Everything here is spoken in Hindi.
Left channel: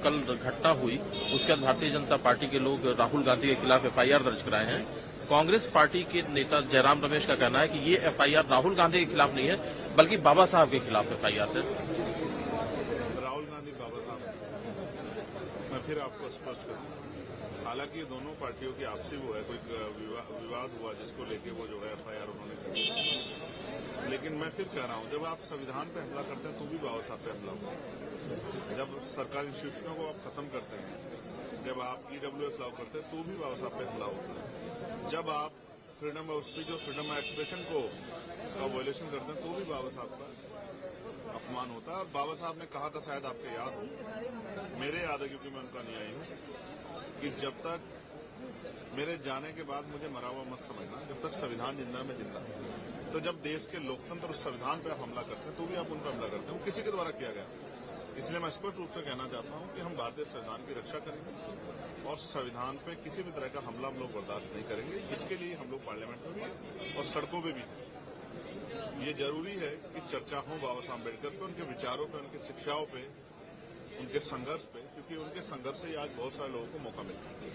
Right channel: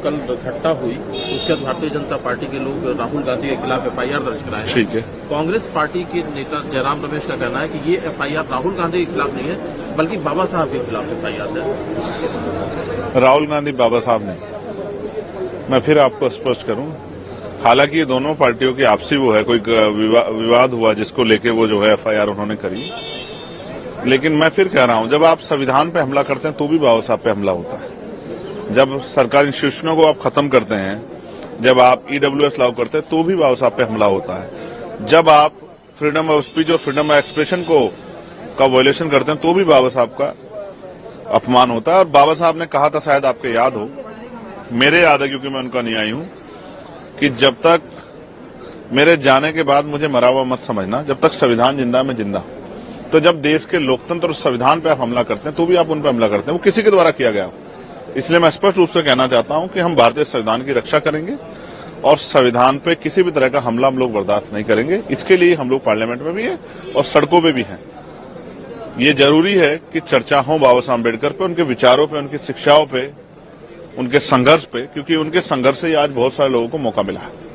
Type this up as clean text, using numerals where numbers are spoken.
कल घटना हुई उसके बाद भारतीय जनता पार्टी के लोग राहुल गांधी के खिलाफ एफआईआर दर्ज कराए हैं। ठीक है। कांग्रेस पार्टी के नेता जयराम रमेश का कहना है कि ये एफआईआर राहुल गांधी के खिलाफ नहीं है बल्कि बाबा साहब के खिलाफ एफआईआर है। राहुल गांधी बाबा साहब नहीं, मैं फिर आपको स्पष्ट करूं, हालांकि ये दोनों पार्टियों की आपसी वो है, कोई विवाद हुआ जिसको लेके वो जो है एफआईआर उन्होंने करी, लेकिन मैं फिर कह रहा हूं, जब आप संविधान पे हमला करते हैं तो भी बाबा साहब पे हमला होता है। जब सरकारी इंस्टीट्यूशनों को आप खत्म करते हैं, जब आप ईडब्ल्यूएस लागू करते हैं तो भी बाबा साहब पे हमला होता है। जब आप फ्रीडम ऑफ स्पीच और फ्रीडम ऑफ एक्सप्रेशन का वायलेशन करते हैं तो भी बाबा साहब का अपमान होता है। और बाबा साहब ने कहा था, शायद आपको याद हो, मेरे याद है क्योंकि मैं उनका अनुयायी हूं, कि जब तक मेरे जाने के बाद मुझे मरा हुआ मत समझना, जब तक संविधान जिंदा मैं जिंदा। तो जब देश के लोकतंत्र और संविधान पे आप हमला करते हैं तो भी आप उन पे हमला करते हैं, वो किसी के द्वारा किया गया। इसलिए मैं स्पष्ट रूप से कहना चाहता हूं कि हम भारतीय संविधान की रक्षा करेंगे और संविधान पे किसी भी तरह का हमला हम लोग बर्दाश्त नहीं करेंगे। इसके लिए हम लोग पार्लियामेंट में भी हैं और सड़कों पे भी हैं। ये जरूरी है कि चर्चा हो बाबा साहब अम्बेडकर पे, उनके विचारों पे, उनकी शिक्षाओं पे, उनके संघर्ष पे, क्योंकि उनके संघर्ष से आज बहुत सारे लोगों को मौका मिला है।